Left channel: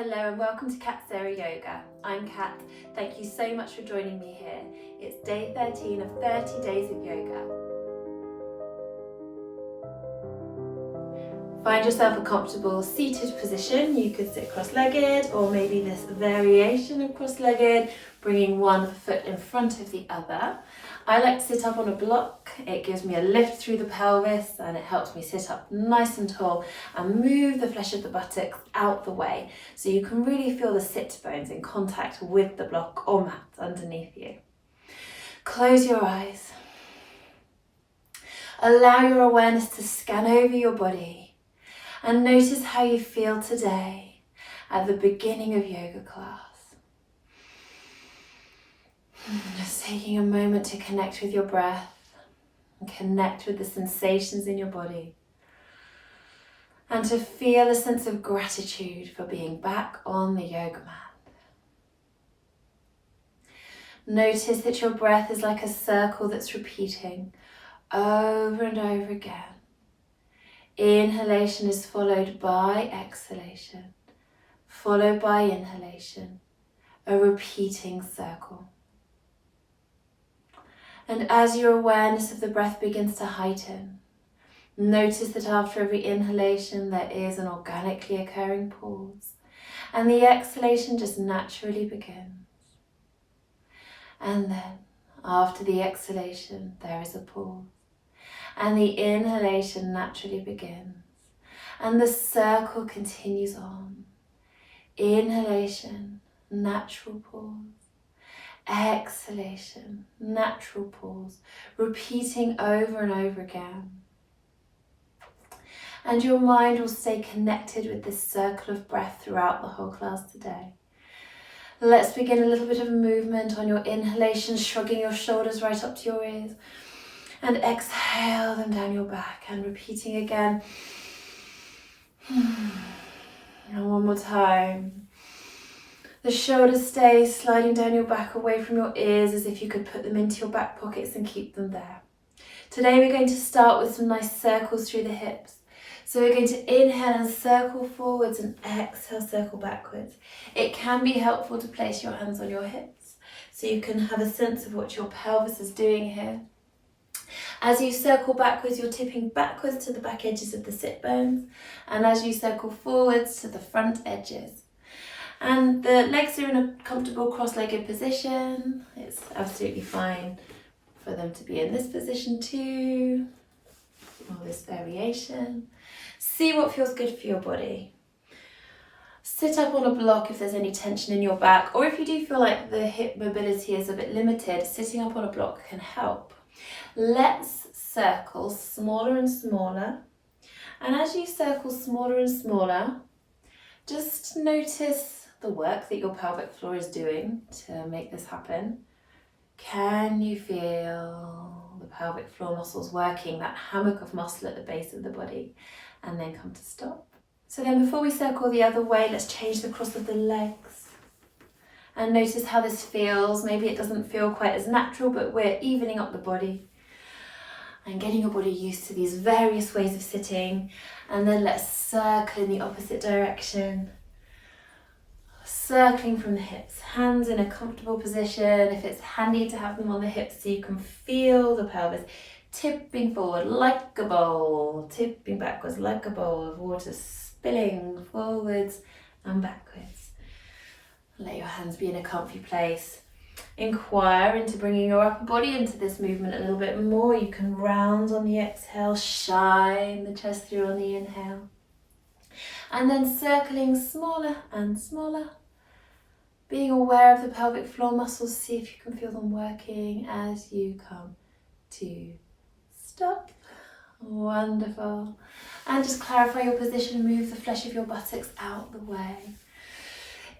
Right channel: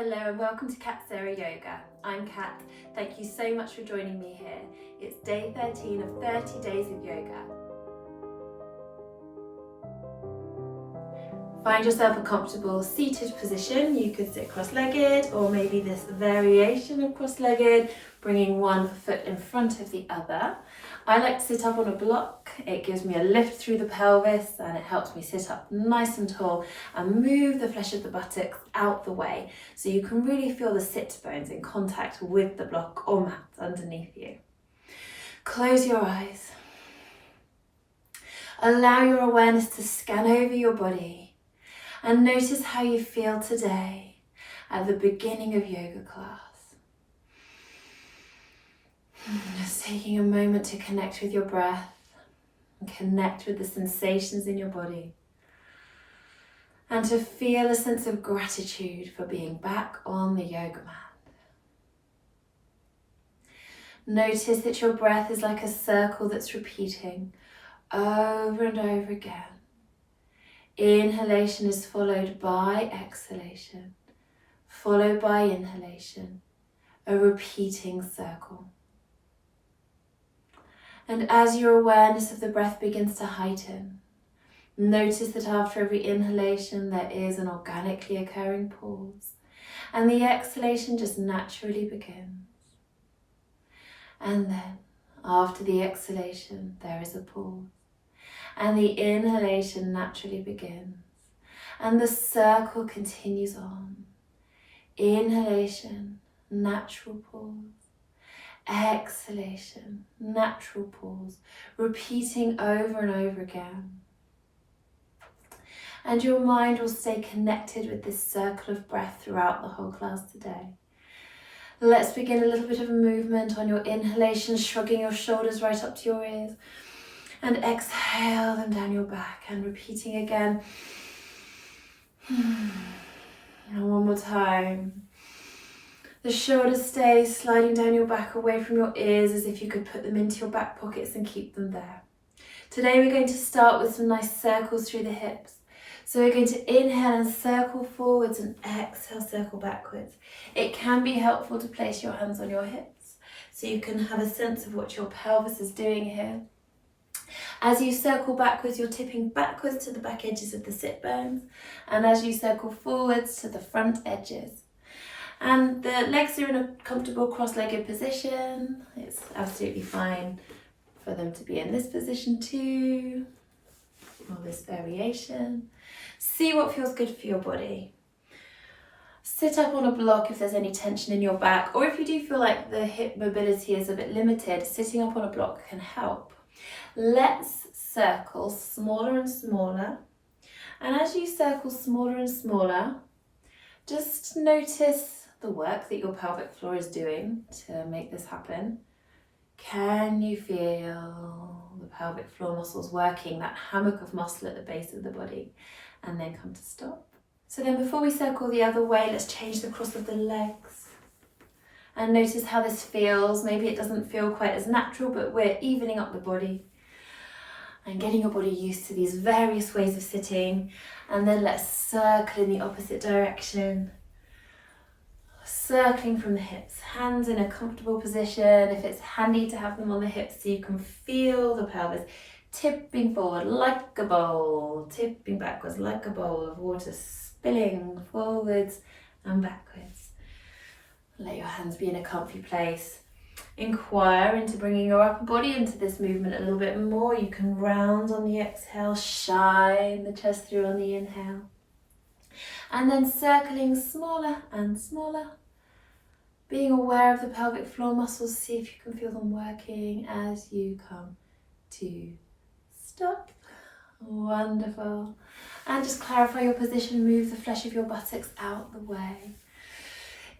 Hello and welcome to Sara Yoga. I'm Kat. Thank you so much for joining me here. It's day 13 of 30 days of yoga. Find yourself a comfortable seated position. You could sit cross-legged or maybe this variation of cross-legged, bringing one foot in front of the other. I like to sit up on a block. It gives me a lift through the pelvis and it helps me sit up nice and tall and move the flesh of the buttocks out the way so you can really feel the sit bones in contact with the block or mat underneath you. Close your eyes. Allow your awareness to scan over your body and notice how you feel today at the beginning of yoga class. Just taking a moment to connect with your breath and connect with the sensations in your body and to feel a sense of gratitude for being back on the yoga mat. Notice that your breath is like a circle that's repeating over and over again. Inhalation is followed by exhalation, followed by inhalation, a repeating circle. And as your awareness of the breath begins to heighten, notice that after every inhalation there is an organically occurring pause, and the exhalation just naturally begins. And then, after the exhalation, there is a pause. And the inhalation naturally begins and the circle continues on. Inhalation, natural pause. Exhalation, natural pause, repeating over and over again. And your mind will stay connected with this circle of breath throughout the whole class today. Let's begin a little bit of a movement on your inhalation, shrugging your shoulders right up to your ears. And exhale them down your back and repeating again. And one more time. The shoulders stay sliding down your back away from your ears as if you could put them into your back pockets and keep them there. Today we're going to start with some nice circles through the hips. So we're going to inhale and circle forwards and exhale, circle backwards. It can be helpful to place your hands on your hips so you can have a sense of what your pelvis is doing here. As you circle backwards, you're tipping backwards to the back edges of the sit bones, and as you circle forwards to the front edges. And the legs are in a comfortable cross-legged position. It's absolutely fine for them to be in this position too, or this variation. See what feels good for your body. Sit up on a block if there's any tension in your back, or if you do feel like the hip mobility is a bit limited, sitting up on a block can help. Let's circle smaller and smaller, and as you circle smaller and smaller, just notice the work that your pelvic floor is doing to make this happen. Can you feel the pelvic floor muscles working, that hammock of muscle at the base of the body, and then come to stop? So then before we circle the other way, let's change the cross of the legs and notice how this feels. Maybe it doesn't feel quite as natural, but we're evening up the body and getting your body used to these various ways of sitting. And then let's circle in the opposite direction. Circling from the hips, hands in a comfortable position. If it's handy to have them on the hips so you can feel the pelvis tipping forward like a bowl, tipping backwards like a bowl of water, spilling forwards and backwards. Let your hands be in a comfy place. Inquire into bringing your upper body into this movement a little bit more. You can round on the exhale, shine the chest through on the inhale. And then circling smaller and smaller. Being aware of the pelvic floor muscles, see if you can feel them working as you come to stop. Wonderful. And just clarify your position, move the flesh of your buttocks out the way.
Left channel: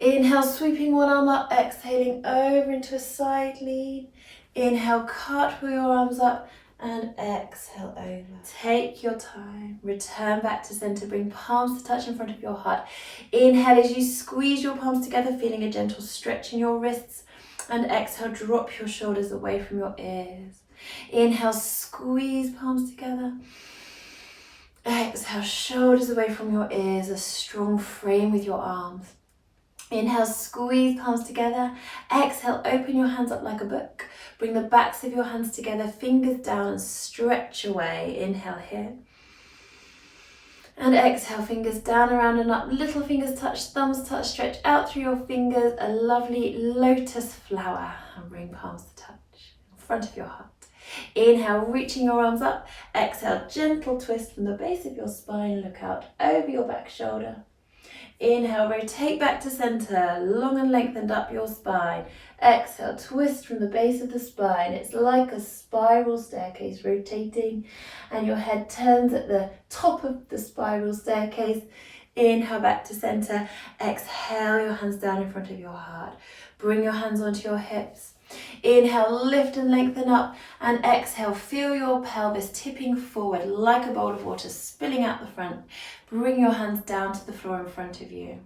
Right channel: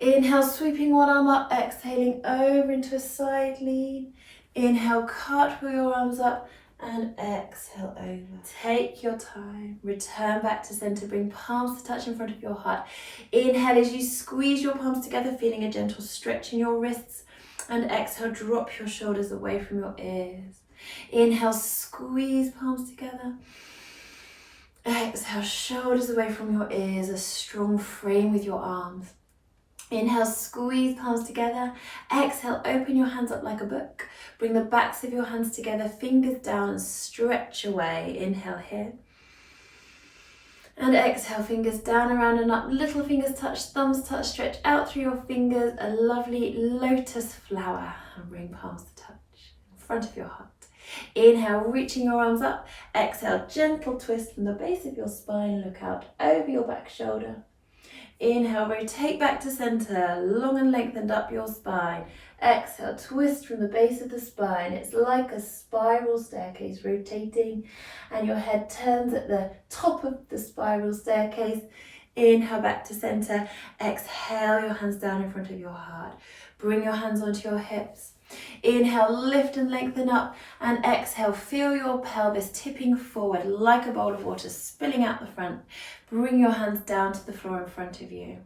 Inhale, sweeping one arm up, exhaling over into a side lean. Inhale, cartwheel your arms up and exhale over. Take your time, return back to center, bring palms to touch in front of your heart. Inhale as you squeeze your palms together, feeling a gentle stretch in your wrists, and exhale, drop your shoulders away from your ears. Inhale, squeeze palms together. Exhale, shoulders away from your ears, a strong frame with your arms. Inhale, squeeze palms together. Exhale, open your hands up like a book. Bring the backs of your hands together, fingers down and stretch away. Inhale here. And exhale, fingers down, around and up. Little fingers touch, thumbs touch, stretch out through your fingers. A lovely lotus flower. And bring palms to touch in front of your heart. Inhale, reaching your arms up. Exhale, gentle twist from the base of your spine. Look out over your back shoulder. Inhale, rotate back to center, long and lengthened up your spine. Exhale, twist from the base of the spine. It's like a spiral staircase rotating, and your head turns at the top of the spiral staircase. Inhale, back to center. Exhale, your hands down in front of your heart. Bring your hands onto your hips. Inhale, lift and lengthen up, and exhale, feel your pelvis tipping forward like a bowl of water spilling out the front. Bring your hands down to the floor in front of you.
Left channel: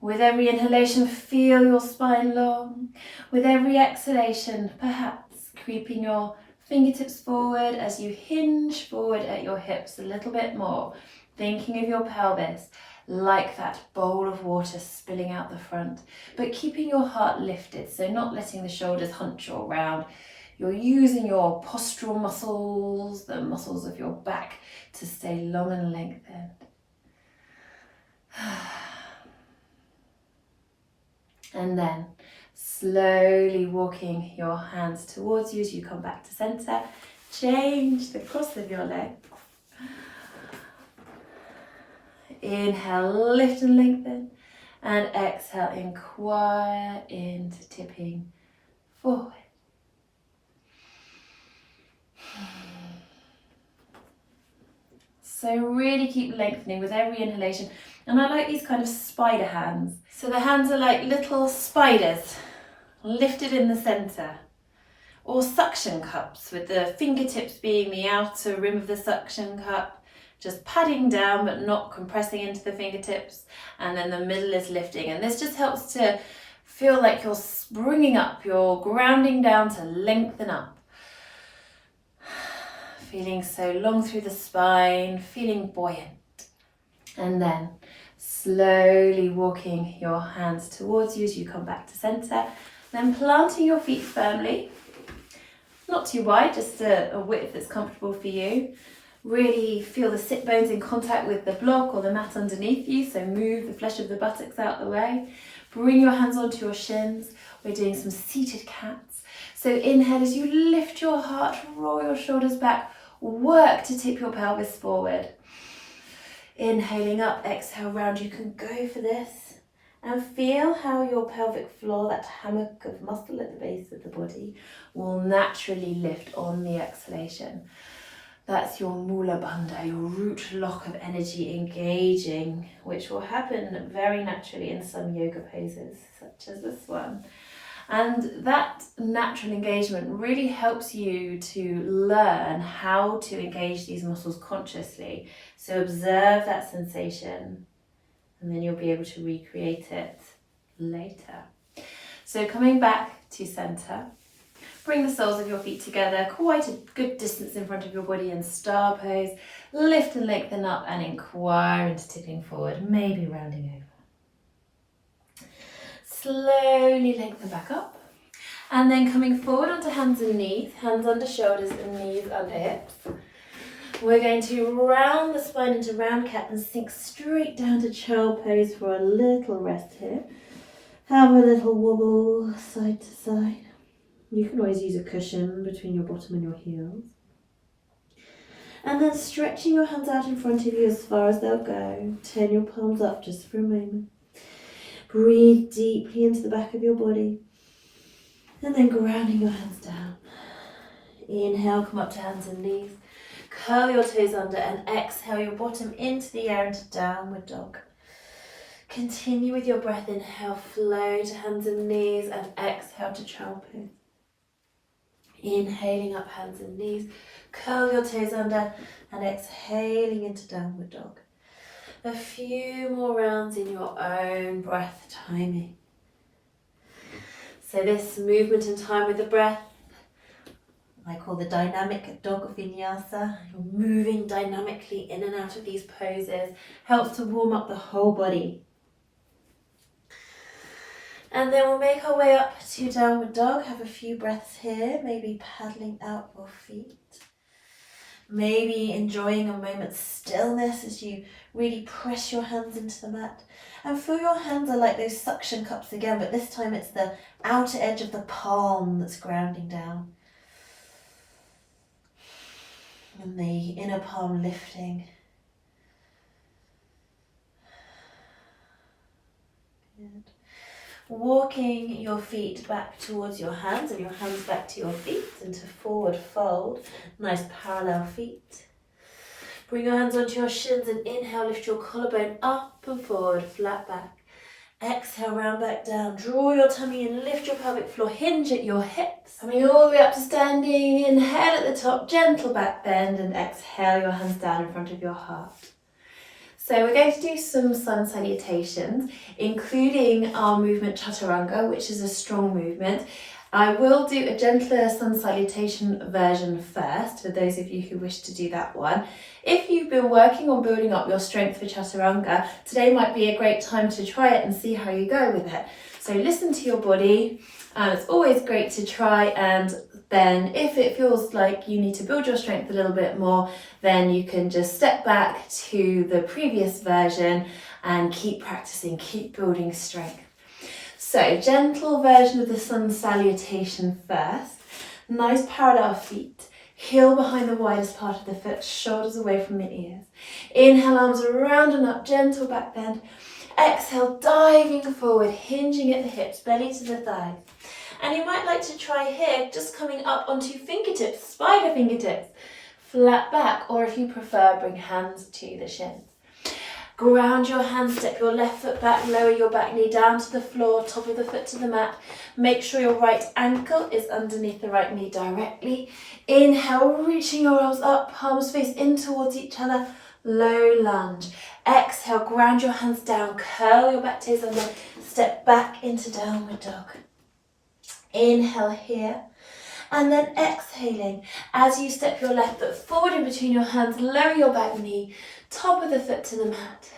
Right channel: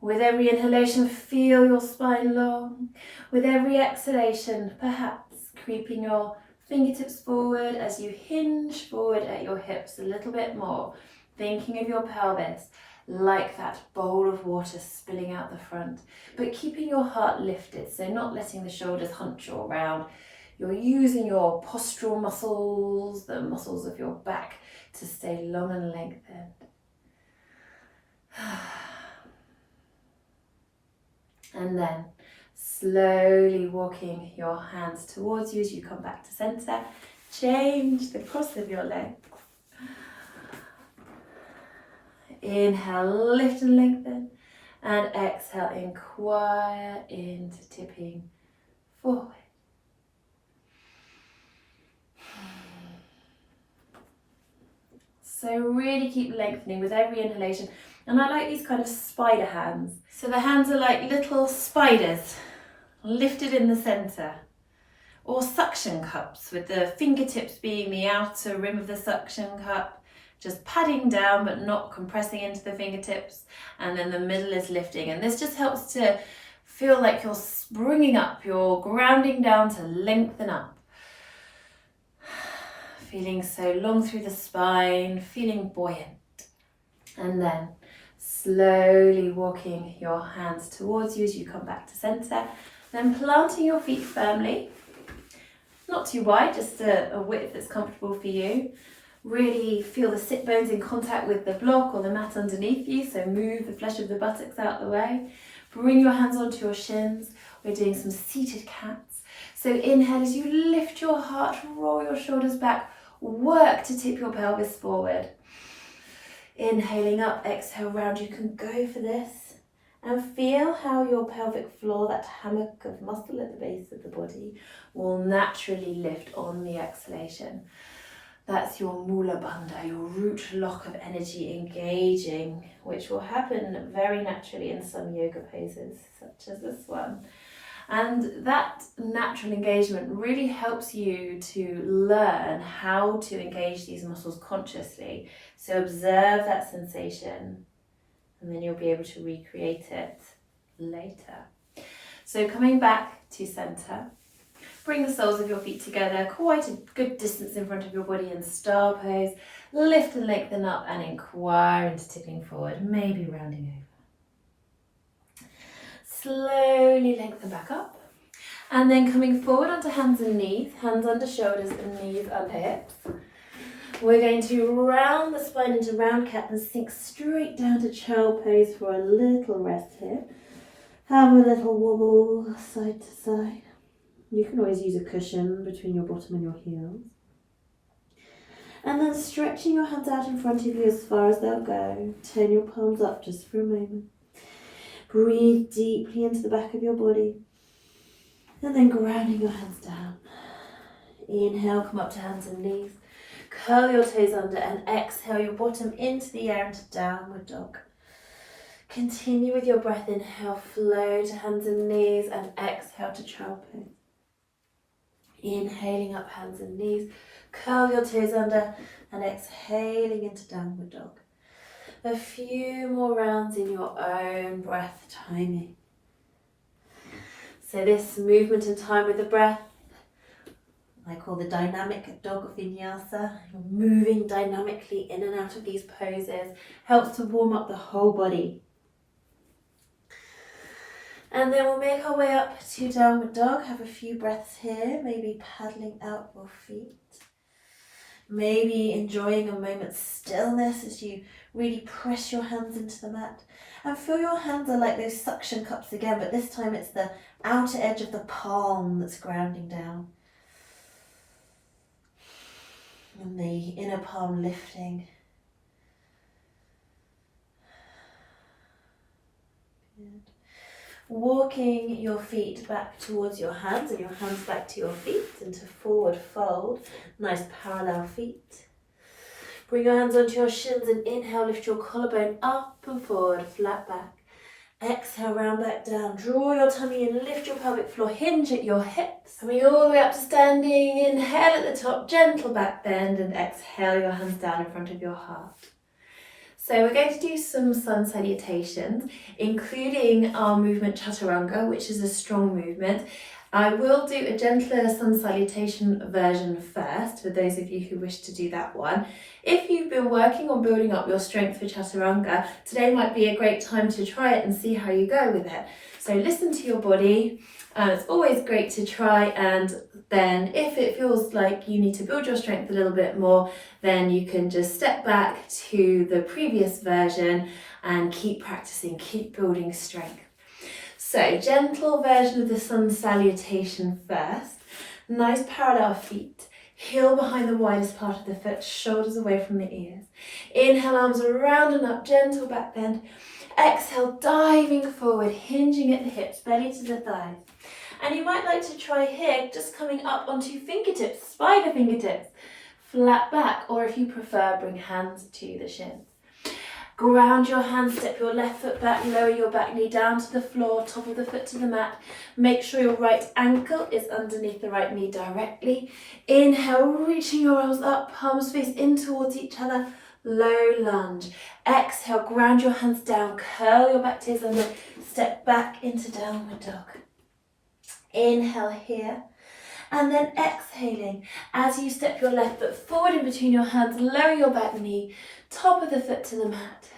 With every inhalation, feel your spine long. With every exhalation, perhaps creeping your fingertips forward as you hinge forward at your hips a little bit more, thinking of your pelvis like that bowl of water spilling out the front, but keeping your heart lifted, so not letting the shoulders hunch you around. You're using your postural muscles, the muscles of your back, to stay long and lengthened. And then slowly walking your hands towards you as you come back to center. Change the cross of your legs. Inhale, lift and lengthen, and exhale, inquire into tipping forward. So really keep lengthening with every inhalation. And I like these kind of spider hands. So the hands are like little spiders lifted in the center, or suction cups with the fingertips being the outer rim of the suction cup. Just padding down but not compressing into the fingertips, and then the middle is lifting, and this just helps to feel like you're springing up, you're grounding down to lengthen up. Feeling so long through the spine, feeling buoyant. And then slowly walking your hands towards you as you come back to center, then planting your feet firmly, not too wide, just a width that's comfortable for you. Really feel the sit bones in contact with the block or the mat underneath you, so move the flesh of the buttocks out the way. Bring your hands onto your shins. We're doing some seated cats. So inhale as you lift your heart, roll your shoulders back, work to tip your pelvis forward. Inhaling up, exhale round. You can go for this. And feel how your pelvic floor, that hammock of muscle at the base of the body, will naturally lift on the exhalation. That's your Mula Bandha, your root lock of energy engaging, which will happen very naturally in some yoga poses, such as this one. And that natural engagement really helps you to learn how to engage these muscles consciously. So observe that sensation, and then you'll be able to recreate it later. So coming back to center. Bring the soles of your feet together, quite a good distance in front of your body in star pose. Lift and lengthen up and inquire into tipping forward, maybe rounding over. Slowly lengthen back up. And then coming forward onto hands and knees, hands under shoulders and knees under hips. We're going to round the spine into round cat and sink straight down to child pose for a little rest here. Have a little wobble side to side. You can always use a cushion between your bottom and your heels. And then stretching your hands out in front of you as far as they'll go. Turn your palms up just for a moment. Breathe deeply into the back of your body. And then grounding your hands down. Inhale, come up to hands and knees. Curl your toes under and exhale your bottom into the air into downward dog. Continue with your breath. Inhale, flow to hands and knees, and exhale to child pose. Inhaling up, hands and knees, curl your toes under, and exhaling into downward dog. A few more rounds in your own breath timing. So this movement and time with the breath, I call the dynamic dog vinyasa. You're moving dynamically in and out of these poses, helps to warm up the whole body. And then we'll make our way up to downward dog. Have a few breaths here, maybe paddling out your feet. Maybe enjoying a moment's stillness as you really press your hands into the mat. And feel your hands are like those suction cups again, but this time it's the outer edge of the palm that's grounding down. And the inner palm lifting. Good. Walking your feet back towards your hands and your hands back to your feet into forward fold. Nice parallel feet. Bring your hands onto your shins and inhale, lift your collarbone up and forward, flat back. Exhale, round back down. Draw your tummy in, lift your pelvic floor, hinge at your hips. Coming all the way up to standing. Inhale at the top, gentle back bend, and exhale your hands down in front of your heart. So we're going to do some sun salutations, including our movement chaturanga, which is a strong movement. I will do a gentler sun salutation version first, for those of you who wish to do that one. If you've been working on building up your strength for chaturanga, today might be a great time to try it and see how you go with it. So listen to your body. It's always great to try, and then if it feels like you need to build your strength a little bit more, then you can just step back to the previous version and keep practicing, keep building strength. So gentle version of the sun salutation first. Nice parallel feet. Heel behind the widest part of the foot, shoulders away from the ears. Inhale, arms around and up, gentle back bend. Exhale, diving forward, hinging at the hips, belly to the thighs. And you might like to try here, just coming up onto fingertips, spider fingertips, flat back, or if you prefer, bring hands to the shins. Ground your hands, step your left foot back, lower your back knee down to the floor, top of the foot to the mat. Make sure your right ankle is underneath the right knee directly. Inhale, reaching your arms up, palms face in towards each other, low lunge. Exhale, ground your hands down, curl your back toes under, step back into downward dog. Inhale here, and then exhaling as you step your left foot forward in between your hands, lower your back knee, top of the foot to the mat.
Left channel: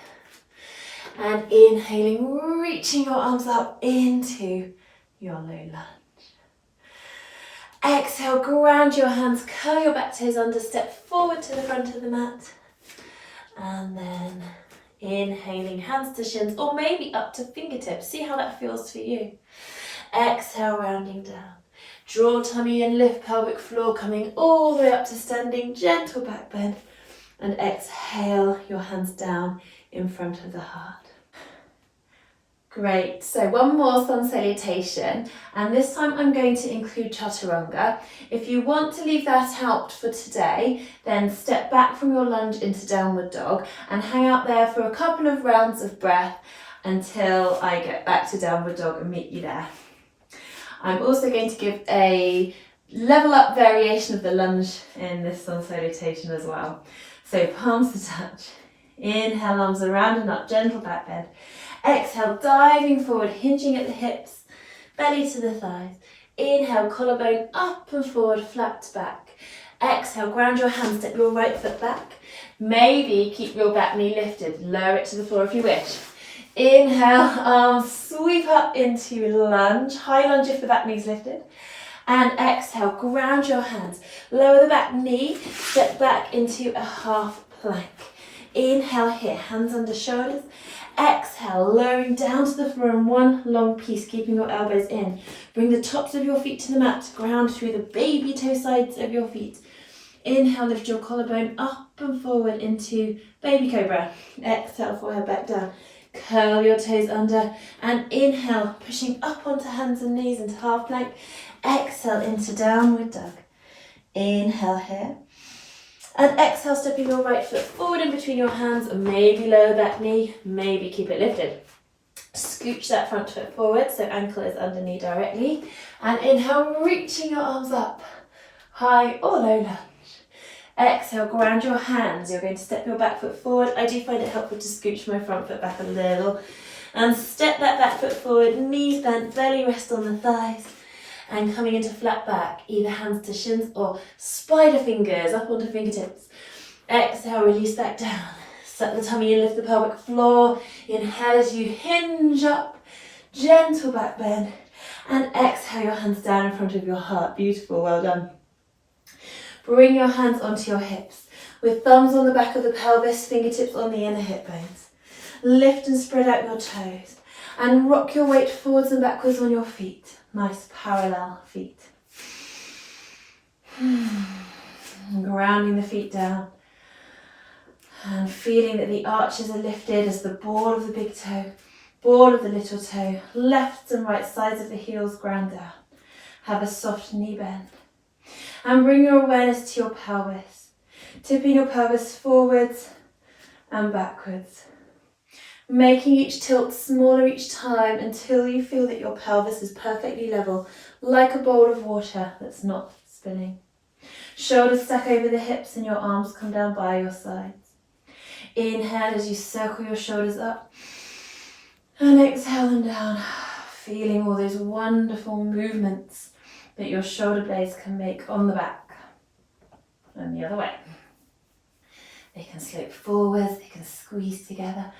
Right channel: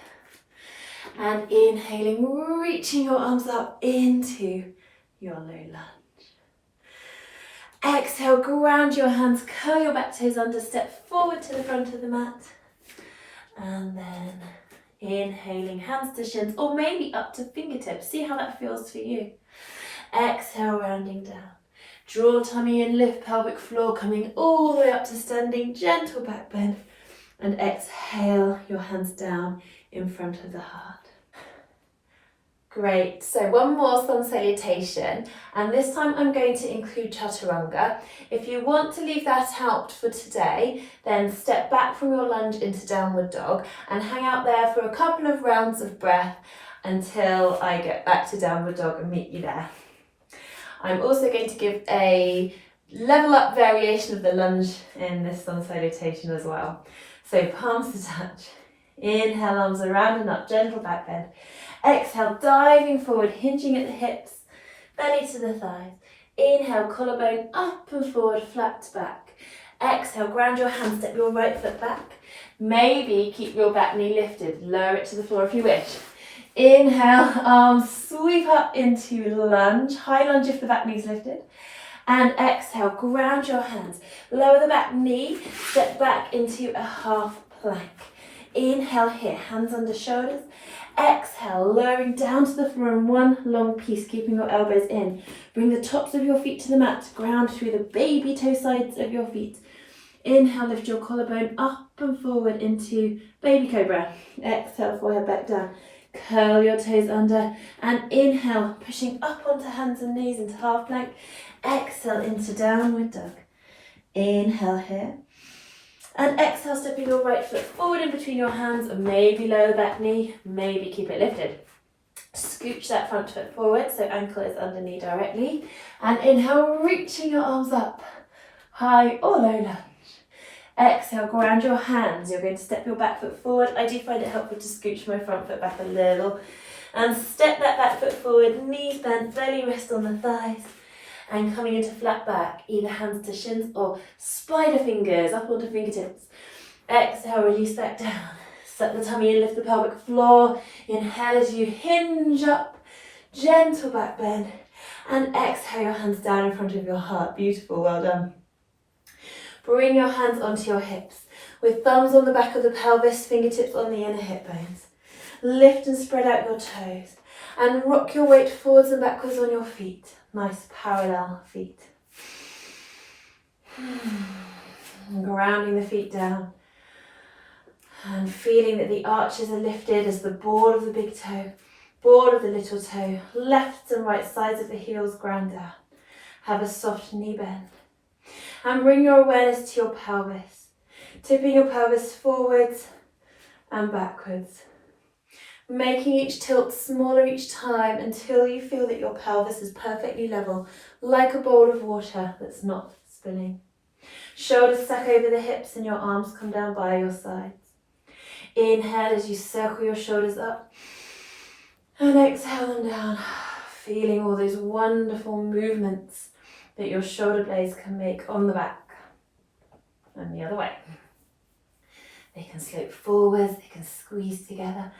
And inhaling, reaching your arms up into your low lunge. Exhale, ground your hands, curl your back toes under, step forward to the front of the mat. And then inhaling, hands to shins, or maybe up to fingertips. See how that feels for you. Exhale, rounding down. Draw tummy in, lift pelvic floor, coming all the way up to standing, gentle back bend. And exhale, your hands down in front of the heart. Great, so one more sun salutation, and this time I'm going to include chaturanga. If you want to leave that out for today, then step back from your lunge into downward dog and hang out there for a couple of rounds of breath until I get back to downward dog and meet you there. I'm also going to give a level up variation of the lunge in this sun salutation as well. So palms to touch. Inhale, arms around and up, gentle back bend. Exhale, diving forward, hinging at the hips, belly to the thighs. Inhale, collarbone up and forward, flat back. Exhale, ground your hands, step your right foot back. Maybe keep your back knee lifted, lower it to the floor if you wish. Inhale, arms sweep up into lunge, high lunge if the back knee's lifted. And exhale, ground your hands, lower the back knee, step back into a half plank. Inhale here, hands under shoulders. Exhale, lowering down to the floor in one long piece, keeping your elbows in. Bring the tops of your feet to the mat, ground through the baby toe sides of your feet. Inhale, lift your collarbone up and forward into baby cobra. Exhale, forehead back down. Curl your toes under and inhale, pushing up onto hands and knees into half plank. Exhale into downward dog. Inhale here. And exhale, stepping your right foot forward in between your hands, and maybe lower the back knee, maybe keep it lifted. Scooch that front foot forward so ankle is under knee directly. And inhale, reaching your arms up, high or low lunge. Exhale, ground your hands. You're going to step your back foot forward. I do find it helpful to scooch my front foot back a little. And step that back foot forward, knees bent, belly rest on the thighs. And coming into flat back, either hands to shins or spider fingers up onto fingertips. Exhale, release back down. Suck the tummy in, lift the pelvic floor. Inhale as you hinge up. Gentle back bend. And exhale your hands down in front of your heart. Beautiful, well done. Bring your hands onto your hips with thumbs on the back of the pelvis, fingertips on the inner hip bones. Lift and spread out your toes and rock your weight forwards and backwards on your feet. Nice parallel feet. Grounding the feet down and feeling that the arches are lifted as the ball of the big toe, ball of the little toe, left and right sides of the heels ground down. Have a soft knee bend. And bring your awareness to your pelvis, tipping your pelvis forwards and backwards, making each tilt smaller each time until you feel that your pelvis is perfectly level, like a bowl of water that's not spilling. Shoulders stack over the hips and your arms come down by your sides. Inhale as you circle your shoulders up and exhale them down, feeling all those wonderful movements that your shoulder blades can make on the back and the other way. They can slope forwards, they can squeeze together.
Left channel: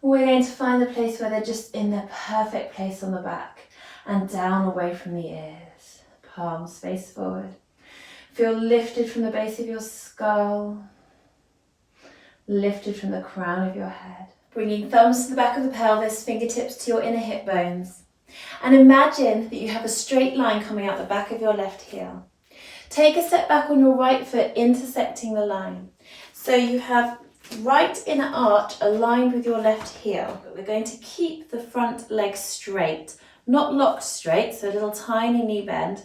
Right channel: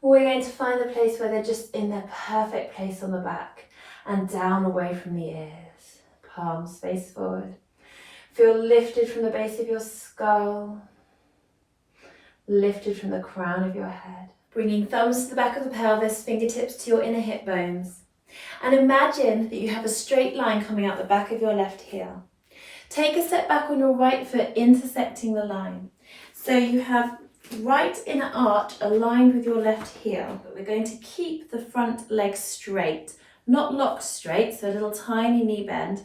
We're going to find the place where they're just in their perfect place on the back and down away from the ears. Palms face forward. Feel lifted from the base of your skull, lifted from the crown of your head. Bringing thumbs to the back of the pelvis, fingertips to your inner hip bones. And imagine that you have a straight line coming out the back of your left heel. Take a step back on your right foot, intersecting the line. So you have right inner arch aligned with your left heel, but we're going to keep the front leg straight, not locked straight, so a little tiny knee bend.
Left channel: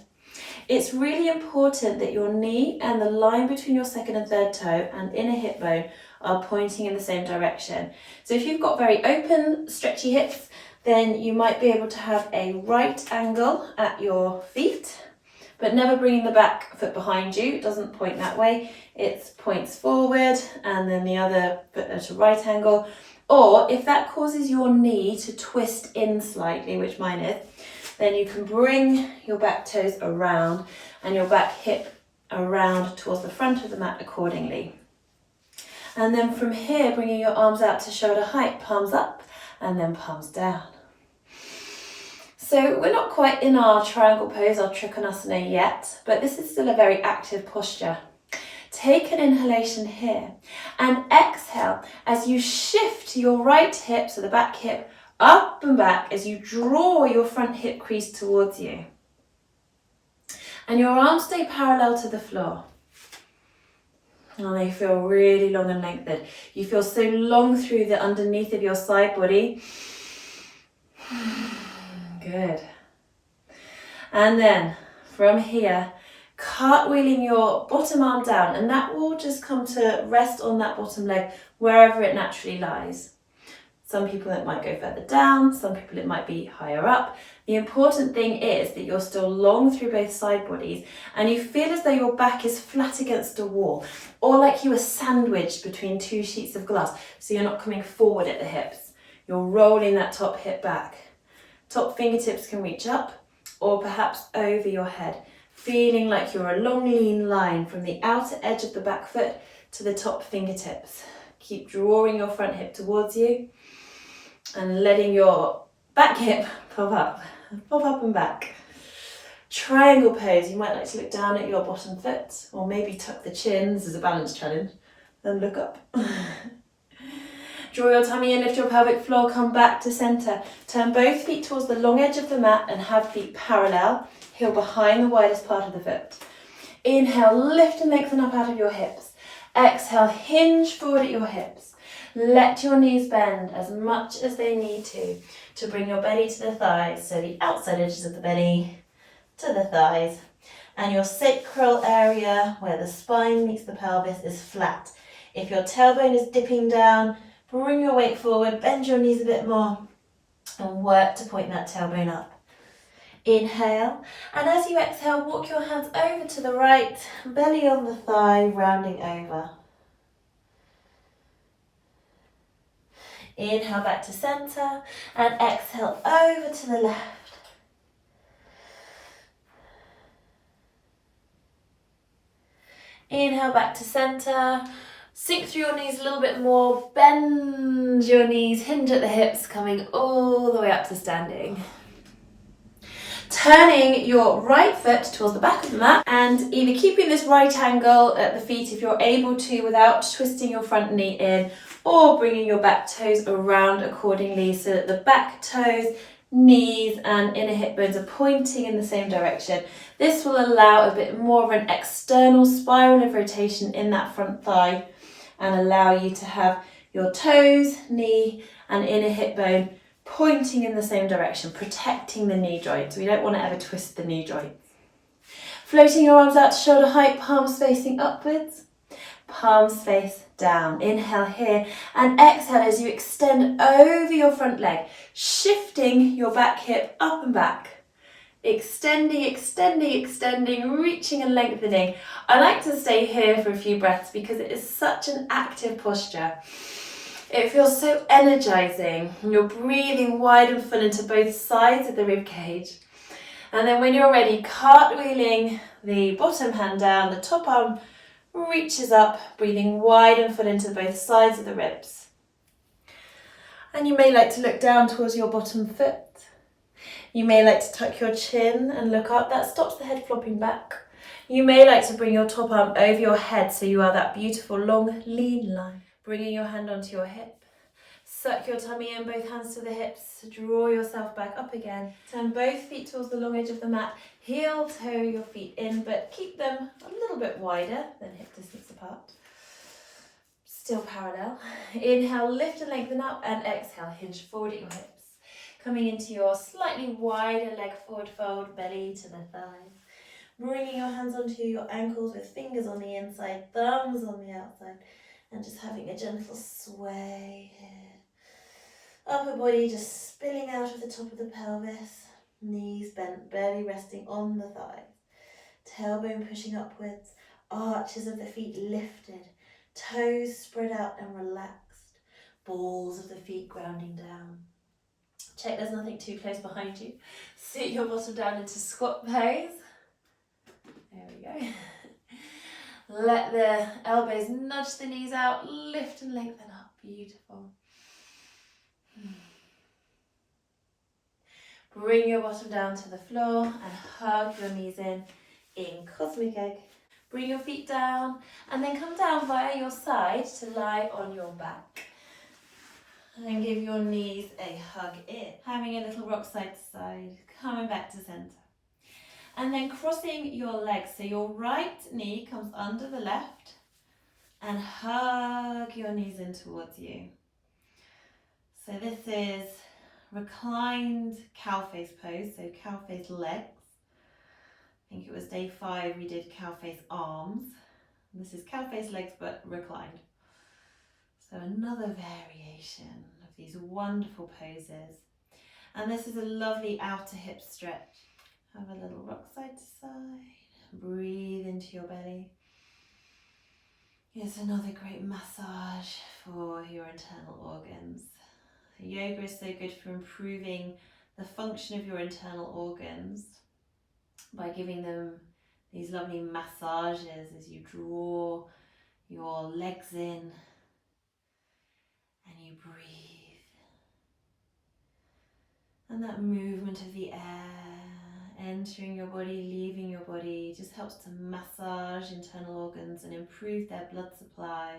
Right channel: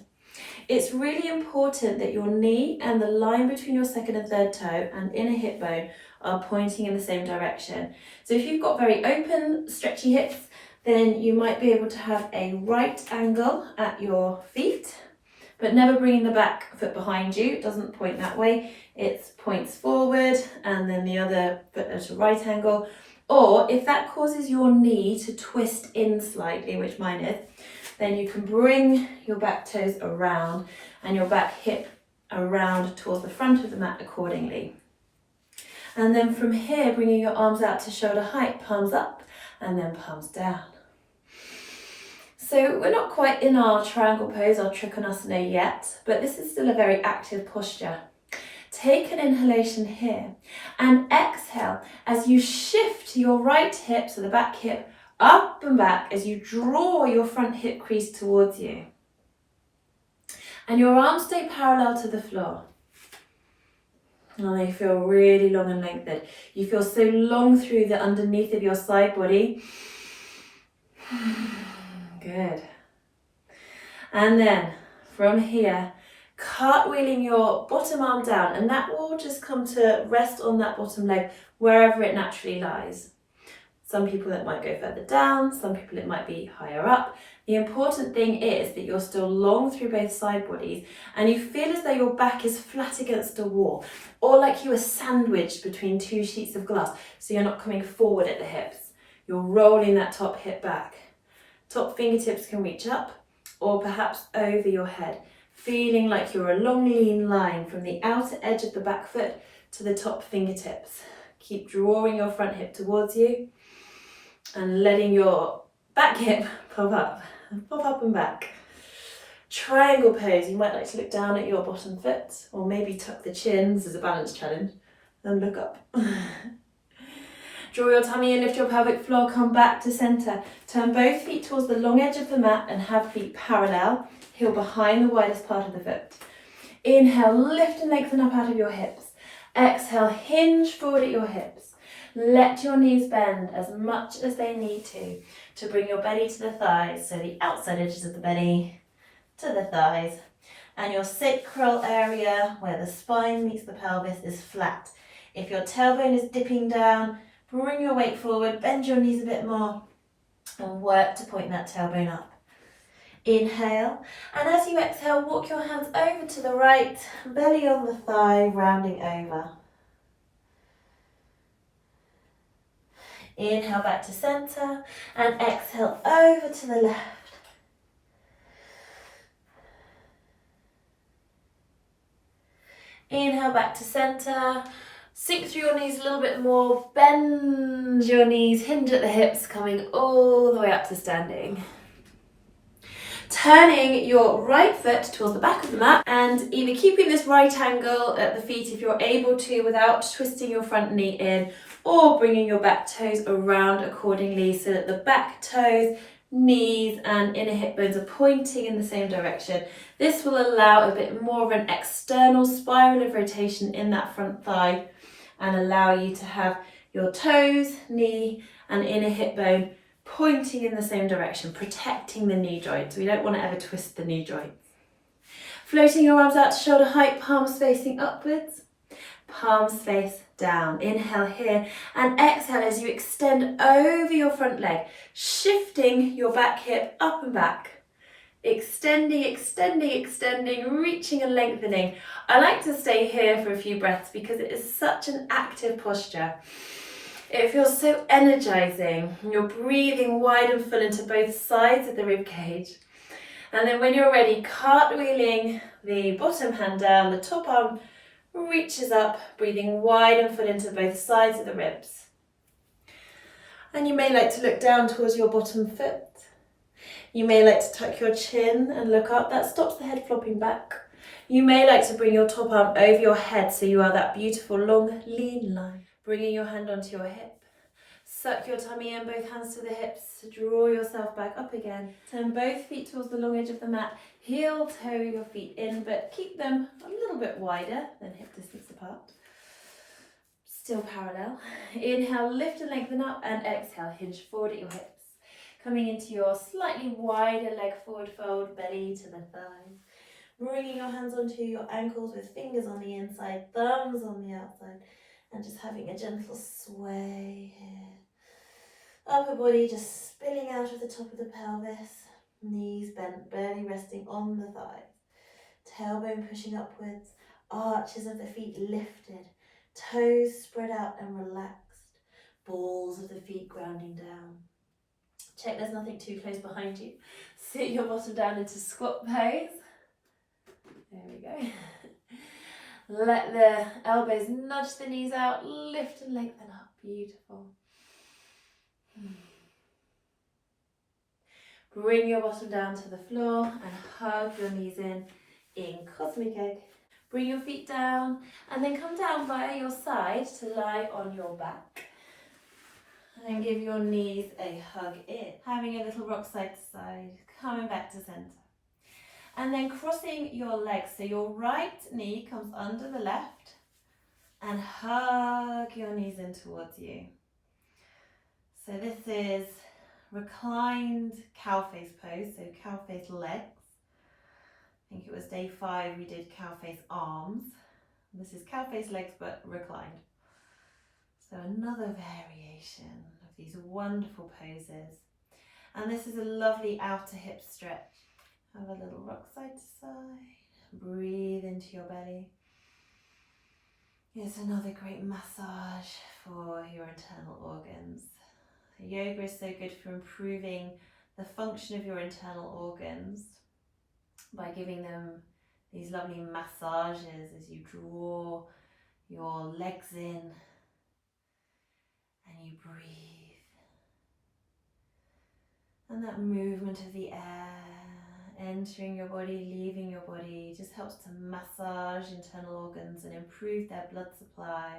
It's really important that your knee and the line between your second and third toe and inner hip bone are pointing in the same direction. So if you've got very open, stretchy hips, then you might be able to have a right angle at your feet, but never bringing the back foot behind you. It doesn't point that way. It points forward and then the other foot at a right angle. Or if that causes your knee to twist in slightly, which mine is, then you can bring your back toes around and your back hip around towards the front of the mat accordingly. And then from here, bringing your arms out to shoulder height, palms up and then palms down. So we're not quite in our triangle pose, our trikonasana yet, but this is still a very active posture. Take an inhalation here and exhale as you shift your right hip, so the back hip, up and back as you draw your front hip crease towards you. And your arms stay parallel to the floor. And they feel really long and lengthened. You feel so long through the underneath of your side body. Good. And then from here, cartwheeling your bottom arm down, and that will just come to rest on that bottom leg wherever it naturally lies. Some people it might go further down, some people it might be higher up. The important thing is that you're still long through both side bodies and you feel as though your back is flat against a wall or like you were sandwiched between two sheets of glass, so you're not coming forward at the hips. You're rolling that top hip back. Top fingertips can reach up or perhaps over your head, feeling like you're a long lean line from the outer edge of the back foot to the top fingertips. Keep drawing your front hip towards you and letting your back hip pop up and back. Triangle pose, you might like to look down at your bottom foot or maybe tuck the chin. This is a balance challenge. And look up. Draw your tummy in, lift your pelvic floor, come back to center. Turn both feet towards the long edge of the mat and have feet parallel, heel behind the widest part of the foot. Inhale, lift and lengthen up out of your hips. Exhale, hinge forward at your hips. Let your knees bend as much as they need to bring your belly to the thighs, so the outside edges of the belly to the thighs. And your sacral area, where the spine meets the pelvis, is flat. If your tailbone is dipping down, bring your weight forward, bend your knees a bit more, and work to point that tailbone up. Inhale, and as you exhale, walk your hands over to the right, belly on the thigh, rounding over. Inhale back to center, and exhale over to the left. Inhale back to center, Sink through your knees a little bit more, bend your knees, hinge at the hips, coming all the way up to standing. Turning your right foot towards the back of the mat and either keeping this right angle at the feet if you're able to without twisting your front knee in, or bringing your back toes around accordingly so that the back toes, knees and inner hip bones are pointing in the same direction. This will allow a bit more of an external spiral of rotation in that front thigh and allow you to have your toes, knee and inner hip bone pointing in the same direction, protecting the knee joints. We don't want to ever twist the knee joints. Floating your arms out to shoulder height, palms facing upwards, palms face down. Inhale here and exhale as you extend over your front leg, shifting your back hip up and back. Extending, extending, extending, reaching and lengthening. I like to stay here for a few breaths because it is such an active posture. It feels so energizing. You're breathing wide and full into both sides of the rib cage. And then when you're ready, cartwheeling the bottom hand down, the top arm reaches up, breathing wide and full into both sides of the ribs. And you may like to look down towards your bottom foot. You may like to tuck your chin and look up. That stops the head flopping back. You may like to bring your top arm over your head so you are that beautiful long lean line. Bringing your hand onto your hip. Suck your tummy in, both hands to the hips. Draw yourself back up again. Turn both feet towards the long edge of the mat. Heel toe your feet in, but keep them a little bit wider than hip distance apart. Still parallel. Inhale, lift and lengthen up, and exhale, hinge forward at your hips. Coming into your slightly wider leg forward fold, belly to the thighs. Bringing your hands onto your ankles with fingers on the inside, thumbs on the outside, and just having a gentle sway here. Upper body just spilling out of the top of the pelvis, knees bent, barely resting on the thighs. Tailbone pushing upwards, arches of the feet lifted, toes spread out and relaxed, balls of the feet grounding down. Check there's nothing too close behind you. Sit your bottom down into squat pose. There we go. Let the elbows nudge the knees out, lift and lengthen up. Beautiful. Bring your bottom down to the floor and hug your knees in cosmic egg. Bring your feet down and then come down by your side to lie on your back. And give your knees a hug in. Having a little rock side to side, coming back to center. And then crossing your legs, so your right knee comes under the left and hug your knees in towards you. So this is reclined cow face pose, so cow face legs. I think it was day 5 we did cow face arms. This is cow face legs but reclined. So another variation of these wonderful poses. And this is a lovely outer hip stretch. Have a little rock side to side. Breathe into your belly. It's another great massage for your internal organs. Yoga is so good for improving the function of your internal organs by giving them these lovely massages as you draw your legs in and you breathe. And that movement of the air entering your body, leaving your body, just helps to massage internal organs and improve their blood supply,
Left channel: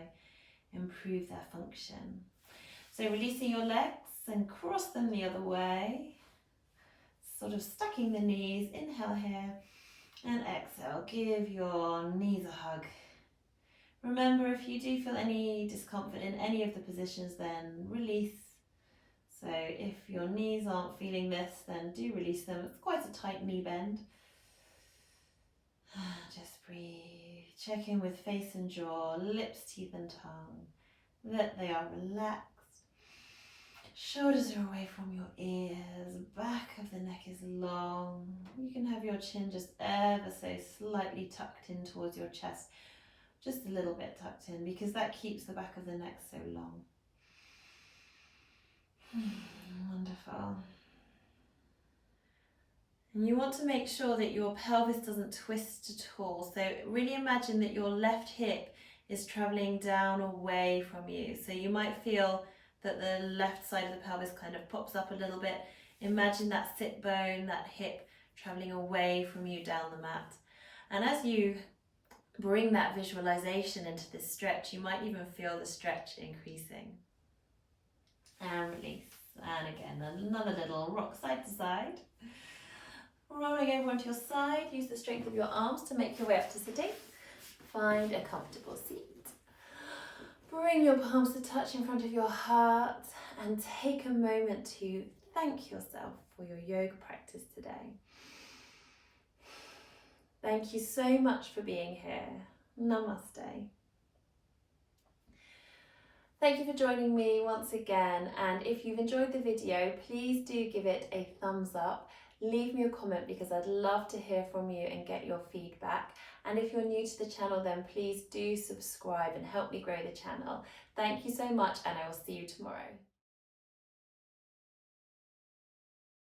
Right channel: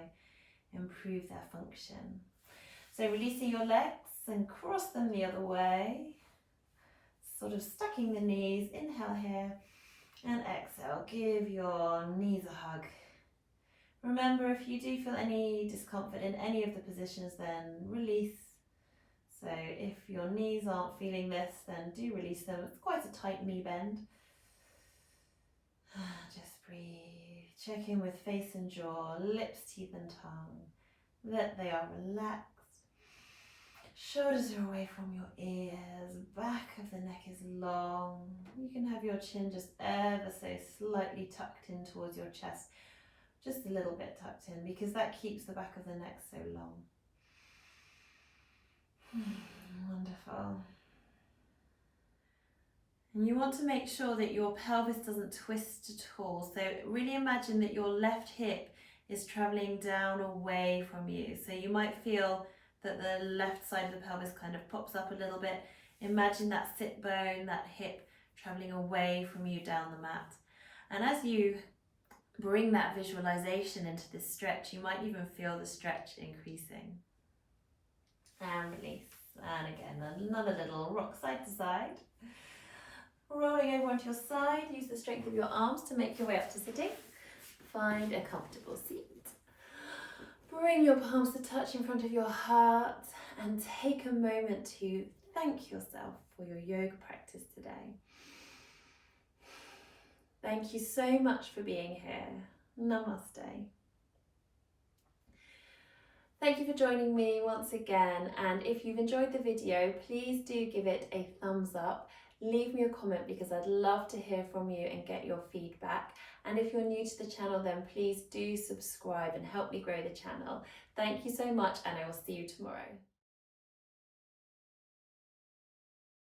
improve their function. So releasing your legs and cross them the other way, sort of stacking the knees. Inhale here and exhale. Give your knees a hug. Remember, if you do feel any discomfort in any of the positions, then release. So if your knees aren't feeling this, then do release them. It's quite a tight knee bend. Just breathe. Check in with face and jaw, lips, teeth and tongue, that they are relaxed. Shoulders are away from your ears, back of the neck is long. You can have your chin just ever so slightly tucked in towards your chest, just a little bit tucked in, because that keeps the back of the neck so long. Wonderful. And you want to make sure that your pelvis doesn't twist at all. So really imagine that your left hip is traveling down away from you. So you might feel that the left side of the pelvis kind of pops up a little bit. Imagine that sit bone, that hip traveling away from you down the mat. And as you bring that visualization into this stretch, you might even feel the stretch increasing. And release. And again, another little rock side to side. Rolling over onto your side, use the strength of your arms to make your way up to sitting. Find a comfortable seat. Bring your palms to touch in front of your heart and take a moment to thank yourself for your yoga practice today. Thank you so much for being here. Namaste. Thank you for joining me once again, and if you've enjoyed the video, please do give it a thumbs up. Leave me a comment because I'd love to hear from you and get your feedback. And if you're new to the channel, then please do subscribe and help me grow the channel. Thank you so much, and I will see you tomorrow.